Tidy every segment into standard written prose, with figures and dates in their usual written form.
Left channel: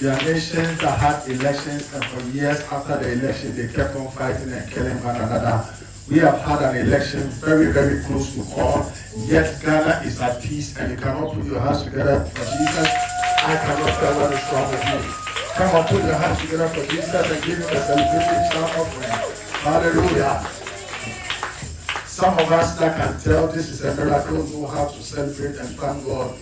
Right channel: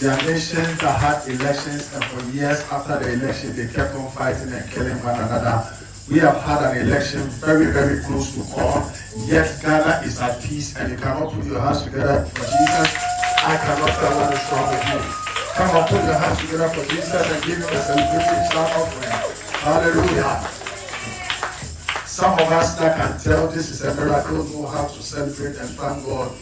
There are nations that had elections, and for years after the election, they kept on fighting and killing one another. We have had an election very, very close to call, yet Ghana is at peace, and you cannot put your hands together for Jesus. I cannot tell what is wrong with you. Come on, put your hands together for Jesus and give him a celebration shout offering. Hallelujah. Some of us that can tell this is a miracle know how to celebrate and thank God.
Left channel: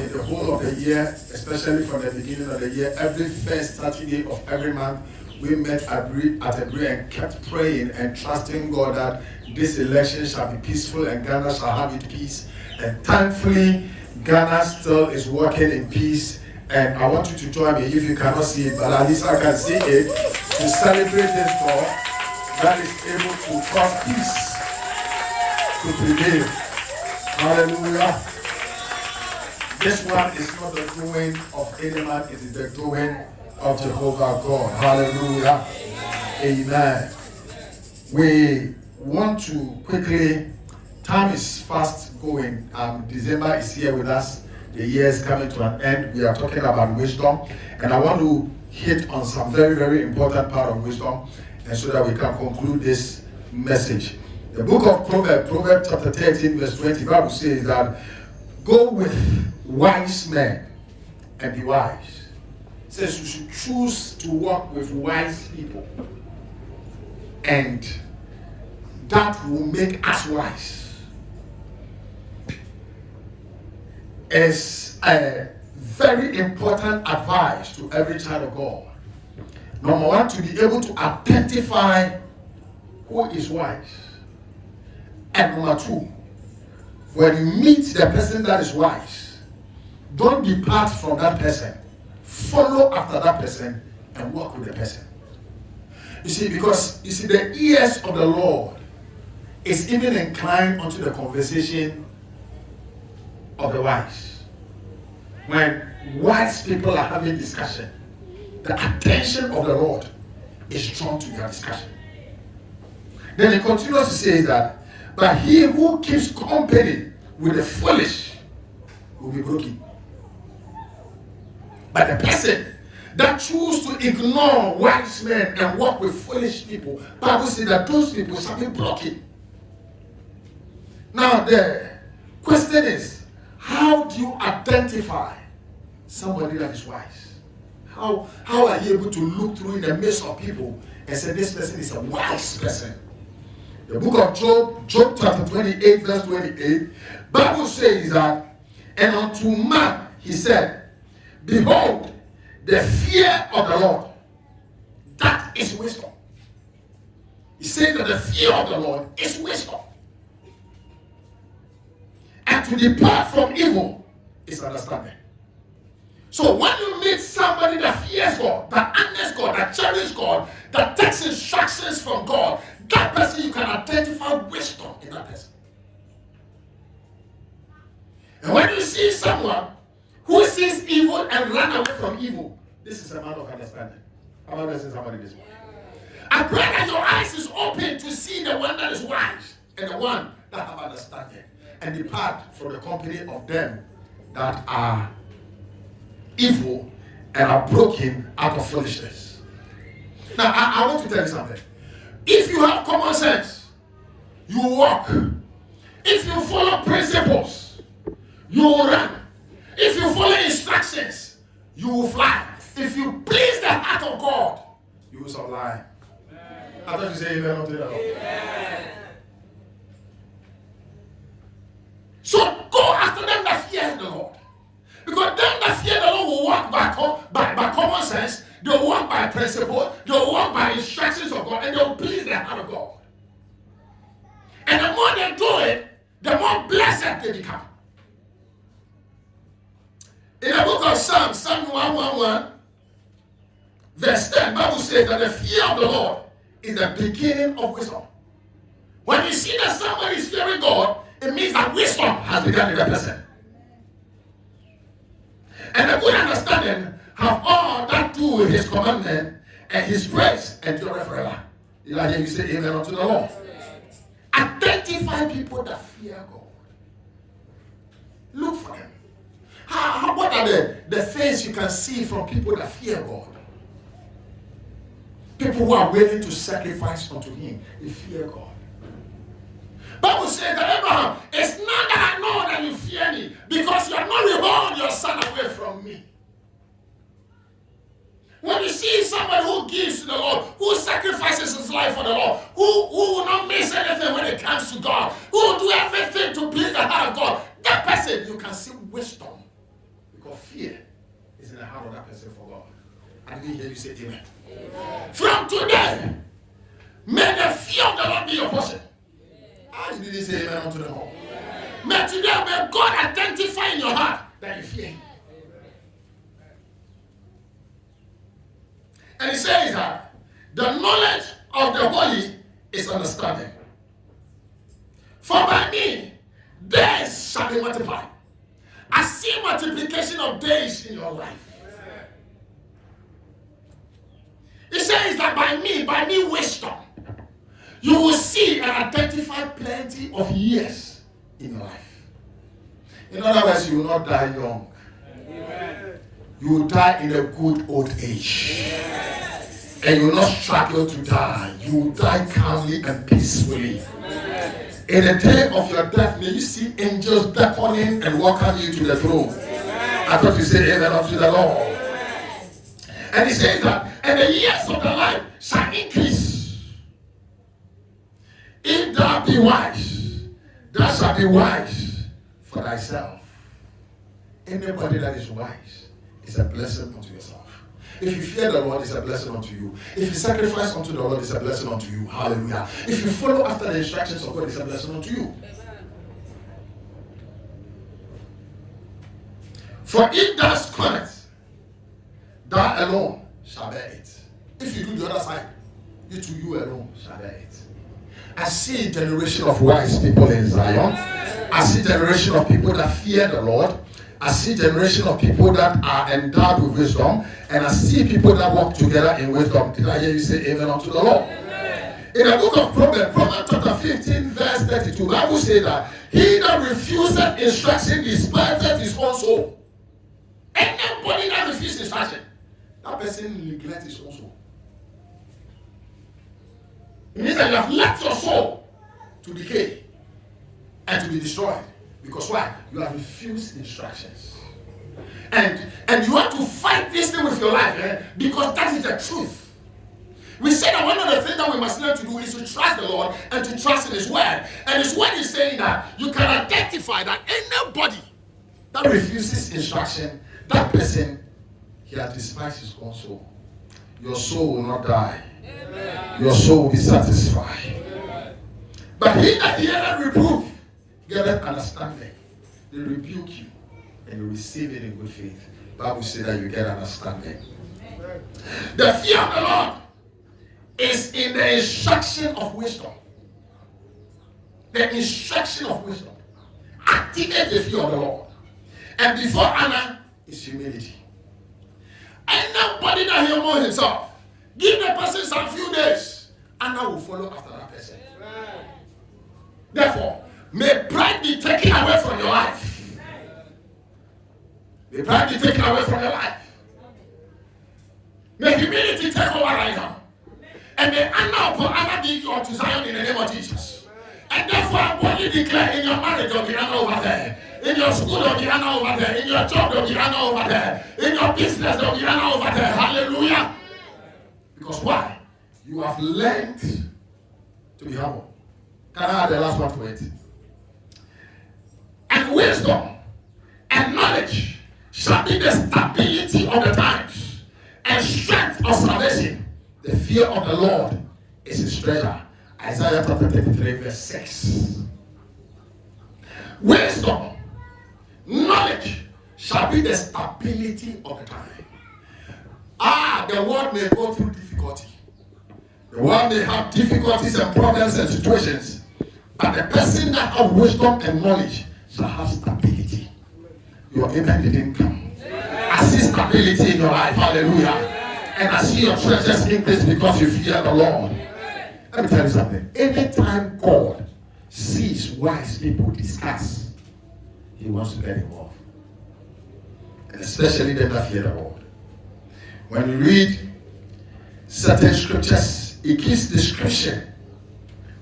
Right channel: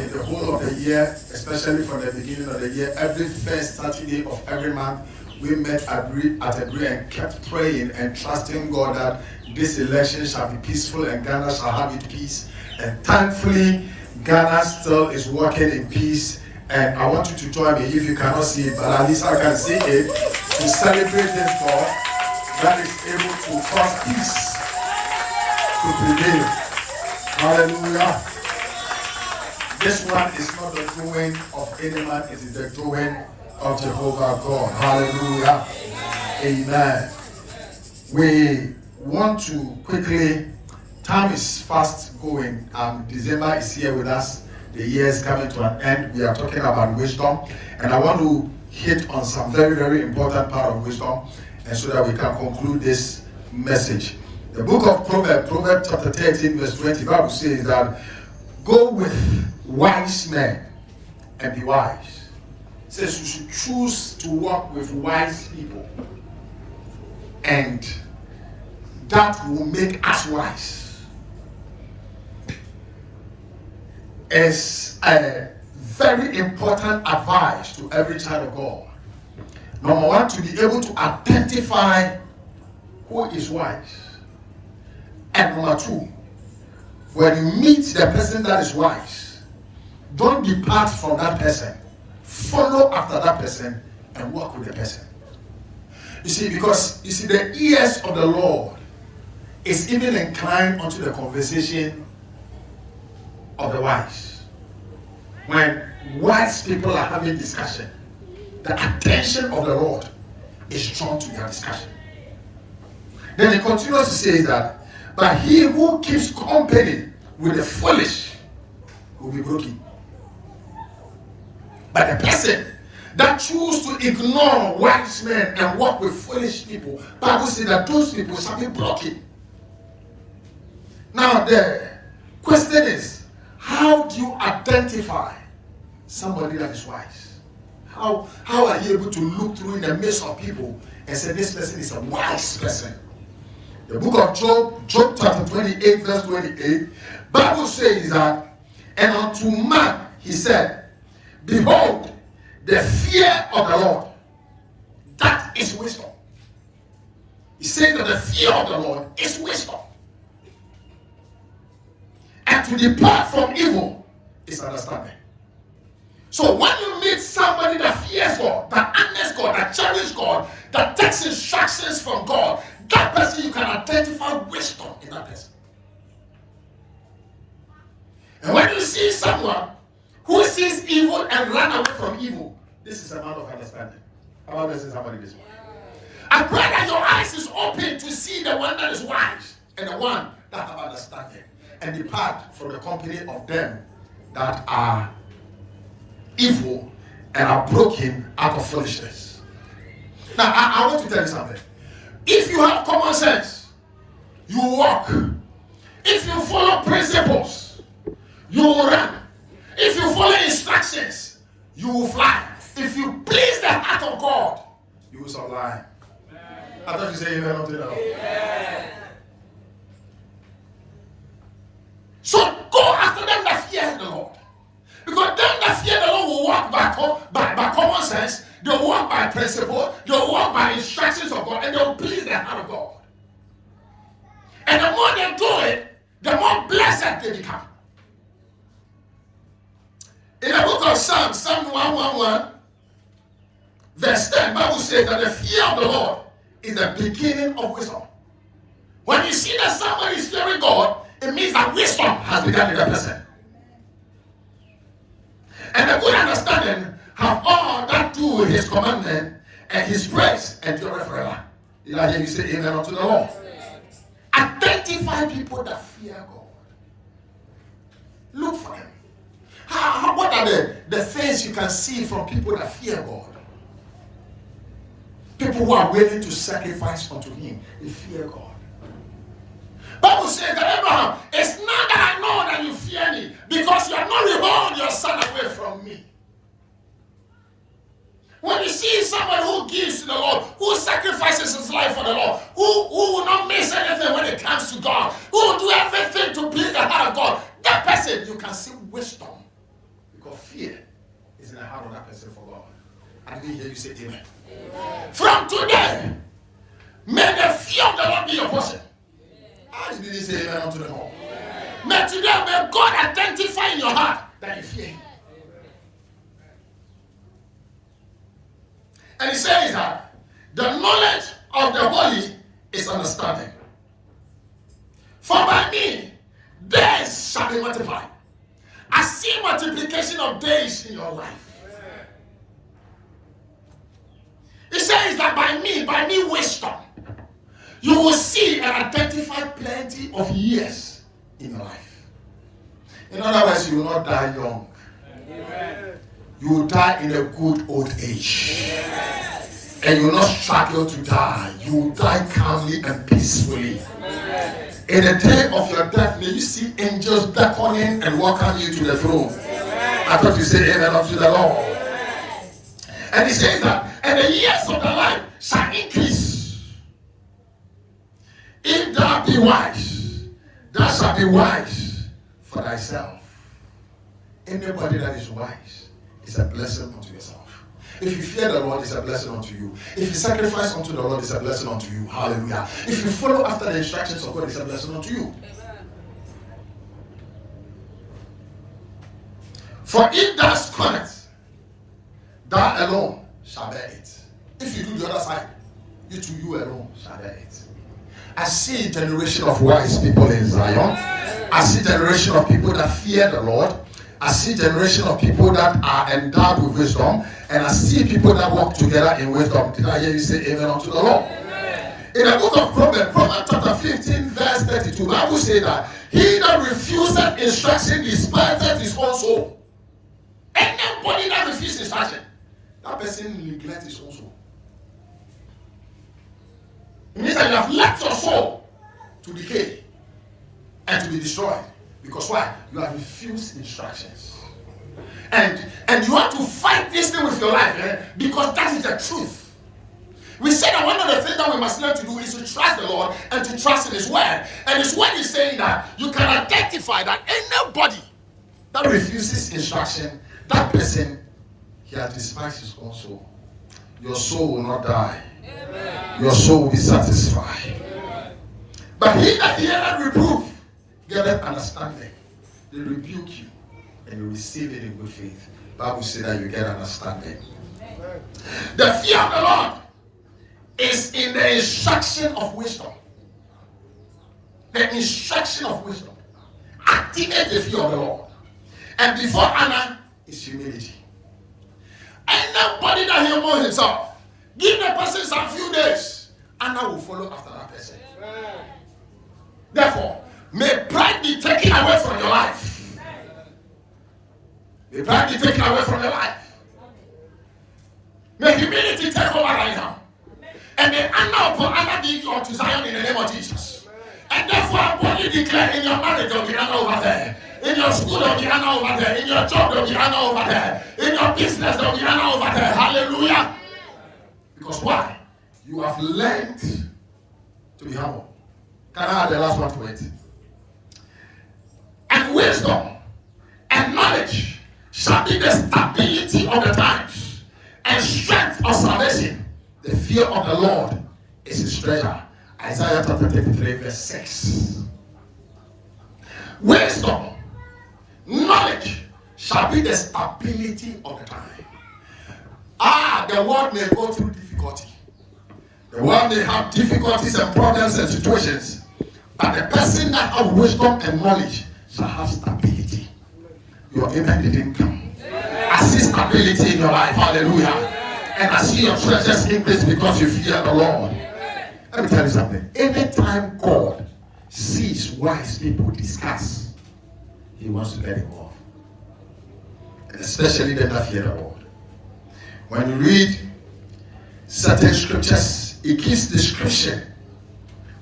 In the whole of the year, especially from the beginning of the year, every first Saturday of every month, we met at Agree and kept praying and trusting God that this election shall be peaceful and Ghana shall have its peace. And thankfully, Ghana still is working in peace. And I want you to join me if you cannot see it, but at least I can see it, to celebrate this God that is able to cause peace to prevail. Hallelujah. This one is not the doing of any man, it is the doing of Jehovah God. Hallelujah. Amen. We want to quickly, time is fast going. December is here with us. The year is coming to an end. We are talking about wisdom. And I want to hit on some very, very important part of wisdom, and so that we can conclude this message. The book of Proverbs chapter 13, verse 20, the Bible says that go with wise men and be wise. It says you should choose to walk with wise people, and that will make us wise. It's a very important advice to every child of God. Number one, to be able to identify who is wise. And number two, when you meet the person that is wise, don't depart from that person. Follow after that person and walk with the person. You see, because the ears of the Lord is even inclined unto the conversation of the wise. When wise people are having discussion, the attention of the Lord is drawn to their discussion. Then he continues to say that, but he who keeps company with the foolish will be broken. But the person that chooses to ignore wise men and walk with foolish people, Bible says that those people shall be broken. Now the question is, how do you identify somebody that is wise? How are you able to look through in the midst of people and say this person is a wise person? The book of Job chapter 28, verse 28, Bible says that, and unto man he said, behold, the fear of the Lord, that is wisdom. He said that the fear of the Lord is wisdom. And to depart from evil is understanding. So when you meet somebody that fears God, that honors God, that cherishes God, that takes instructions from God, that person, you can identify wisdom in that person. And when you see someone who sees evil and run away from evil, this is a man of understanding. I want to say somebody this one. I pray that your eyes is open to see the one that is wise and the one that have understanding, and depart from the company of them that are evil and are broken out of foolishness. Now, I want to tell you something. If you have common sense, you walk. If you follow principles, you will run. If you follow instructions, you will fly. If you please the heart of God, you will survive. I thought you said amen unto that. So go after them that fear the Lord. Because them that fear the Lord will walk by common sense, they'll walk by principle, they'll walk by instructions of God, and they'll please the heart of God. And the more they do it, the more blessed they become. In the book of Psalm 111, verse 10, the Bible says that the fear of the Lord is the beginning of wisdom. When you see that somebody is fearing God, it means that wisdom has begun in that person. And a good understanding have all that do with his commandment and his praise endure forever. Did I hear you say amen unto the Lord? Identify people that fear God. Look for them. What are the things you can see from people that fear God? People who are willing to sacrifice unto Him, they fear God. Bible says that Abraham, it's not that I know that you fear me, because you have not withheld your son away from me. When you see somebody who gives to the Lord, who sacrifices his life for the Lord, who will not miss anything when it comes to God, who will do everything to please the heart of God, that person, you can see wisdom. Because fear is in the heart of that person for God. I didn't hear you say amen. From today, may the fear of the Lord be your portion. How you didn't say amen unto the Lord? May today, may God identify in your heart that you fear Him. And He says that the knowledge of the holy is understanding. For by me, days shall be multiplied. I see multiplication of days in your life. It says that by me wisdom, you will see and identify plenty of years in your life. In other words, you will not die young. Amen. You will die in a good old age. Amen. And you will not struggle to die. You will die calmly and peacefully. Amen. In the day of your death, may you see angels beckoning and welcome you to the throne. Amen. I thought you said amen unto the Lord. Amen. And He says that, and the years of the life shall increase. If thou be wise, thou shalt be wise for thyself. Anybody that is wise is a blessing unto yourself. If you fear the Lord, it's a blessing unto you. If you sacrifice unto the Lord, it's a blessing unto you. Hallelujah. If you follow after the instructions of God, it's a blessing unto you. For if thou scornest, thou alone shall bear it. If you do the other side, you alone shall bear it. I see a generation of wise people in Zion. I see a generation of people that fear the Lord. I see a generation of people that are endowed with wisdom. And I see people that walk together in wisdom. Did I hear you say amen unto the Lord? Amen. In the book of Proverbs chapter 15, verse 32, the Bible says that he that refuses instruction despiseth his own soul. Anybody that refuses instruction, that person neglects his own soul. It means that you have left your soul to decay and to be destroyed. Because why? You have refused instructions. And you have to fight this thing with your life, because that is the truth. We said that one of the things that we must learn to do is to trust the Lord and to trust in His word. And His word is saying that you can identify that anybody that refuses instruction, that person, he has despised his own soul. Your soul will not die. Amen. Your soul will be satisfied. Amen. But he that heareth reproof, get understanding. They rebuke you and you receive it in good faith. The Bible says that you get understanding. Amen. The fear of the Lord is in the instruction of wisdom. The instruction of wisdom. Activate the fear of the Lord. And before honor is humility. And nobody that humbles himself, give the person some few days, honor will follow after that person. Amen. Therefore, may pride be taken away from your life. May pride be taken away from your life. May humility take over right now. And may honor upon honor be unto Zion in the name of Jesus. And therefore, I'm going to declare in your marriage, there will be honor over there. In your school, there will be honor over there. In your job, there will be honor over there. In your business, there will be honor over there. Hallelujah. Because why? You have learned to be humble. Can I have the last one to it? And wisdom and knowledge shall be the stability of the times and strength of salvation. The fear of the Lord is his treasure. Isaiah chapter 33 verse 6. Wisdom, knowledge shall be the stability of the time. The world may go through difficulty. The world may have difficulties and problems and situations. But the person that has wisdom and knowledge shall have stability. Your amen didn't come. I see stability in your life. Hallelujah. And I see your treasures increase because you fear the Lord. Let me tell you something. Anytime God sees wise people discuss, he wants to get involved. and especially them that fear the Lord. When you read certain scriptures, it gives description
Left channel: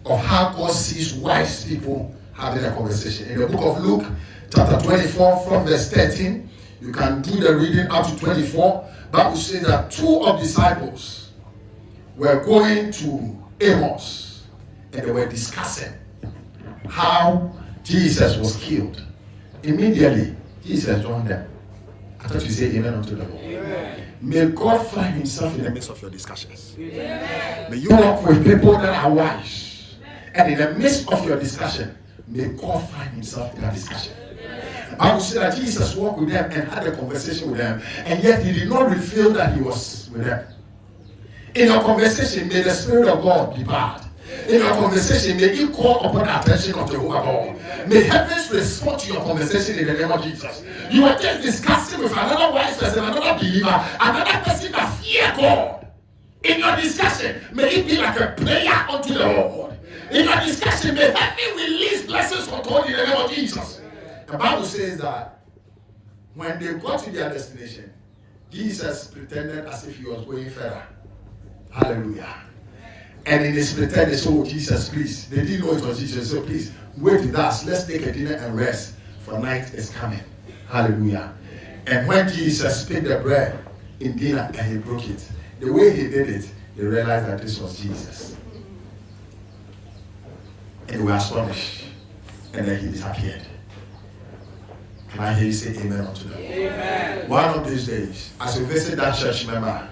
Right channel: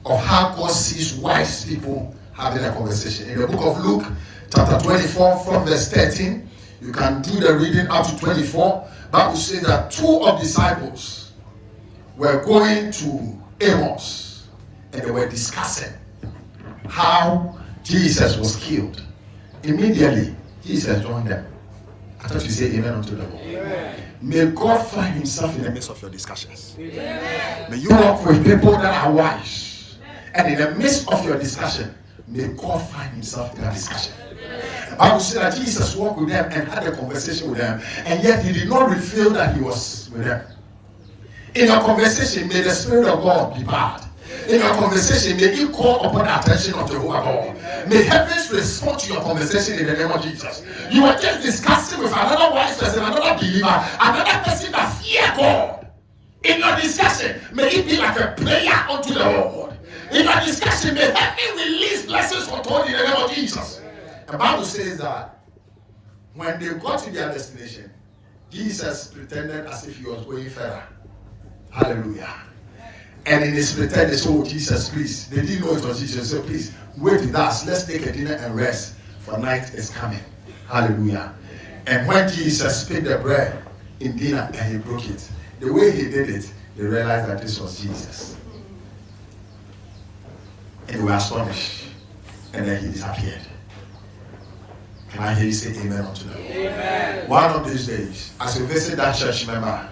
of how God sees wise people having a conversation. In the book of Luke, chapter 24, from verse 13, you can do the reading up to 24. Bible says that two of disciples were going to Amos and they were discussing how Jesus was killed. Immediately, Jesus joined them. I thought you say amen unto the Lord. May God find himself in the midst of your discussions. Amen. May you work with people that are wise. And in the midst of your discussion, may God find himself in that discussion. The Bible said that Jesus walked with them and had a conversation with them, and yet he did not reveal that he was with them. In your conversation, may the Spirit of God be part. In your conversation, may you call upon the attention of Jehovah God. May heavens respond to your conversation in the name of Jesus. You are just discussing with another wise person, another believer, another person that fear God. In your discussion, may it be like a prayer unto the Lord. In your discussion, may heaven release blessings untold in the name of Jesus. The Bible says that when they got to their destination, Jesus pretended as if he was going further. Hallelujah. And in his pretend, they said, oh, Jesus, please. They didn't know it was Jesus. They said, please, wait with us. Let's take a dinner and rest, for night is coming. Hallelujah. And when Jesus picked the bread in dinner and he broke it, the way he did it, they realized that this was Jesus. And they were astonished. And then he disappeared. Can I hear you say amen unto them? Amen. One of these days, as you visit that church member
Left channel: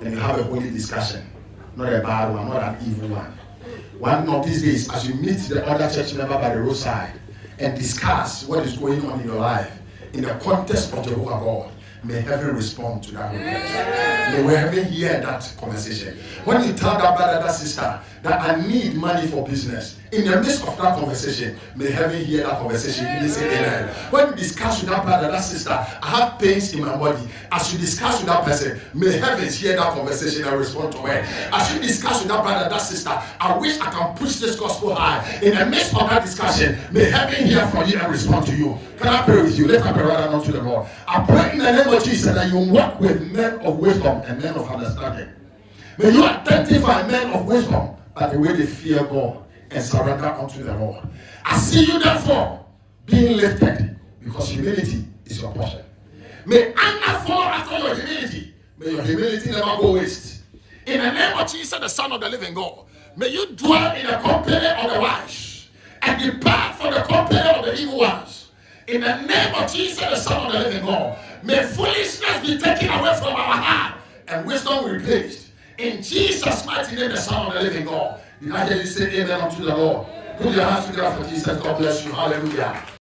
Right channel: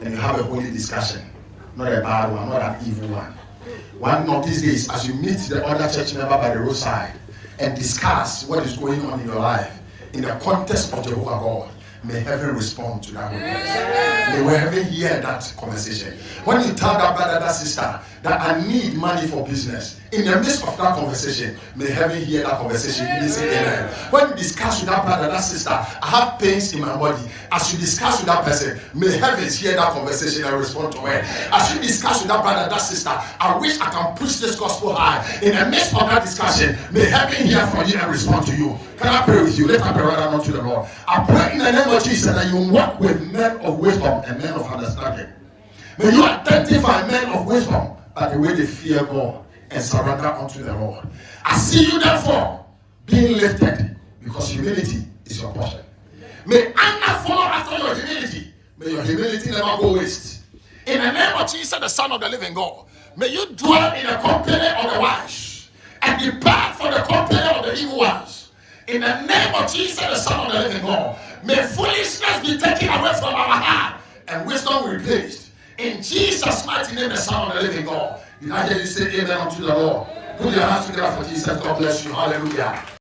and you have a holy discussion, not a bad one, not an evil one. One of these days, as you meet the other church member by the roadside and discuss what is going on in your life in the context of Jehovah God, may heaven respond to that request. May heaven hear that conversation. When you tell that brother, that sister, that I need money for business, in the midst of that conversation, may heaven hear that conversation. You say amen. When you discuss with that brother, that sister, I have pains in my body. As you discuss with that person, may heavens hear that conversation and respond to it. As you discuss with that brother, that sister, I wish I can push this gospel high. In the midst of that discussion, may heaven hear from you and respond to you. Can I pray with you? Let us pray right now to the Lord. I pray in the name of Jesus that you work with men of wisdom and men of understanding. May you identify men of wisdom by the way they fear God and surrender unto the Lord. I see you therefore being lifted because humility is your portion. May Anna follow after your humility. May your humility never go waste. In the name of Jesus, the Son of the living God, may you dwell in the company of the wise and depart from the company of the evil ones. In the name of Jesus, the Son of the living God, may foolishness be taken away from our heart and wisdom replaced. In Jesus' mighty name, the Son of the living God. Did I hear you say amen unto the Lord? Put your hands together for Jesus. God bless you. Hallelujah.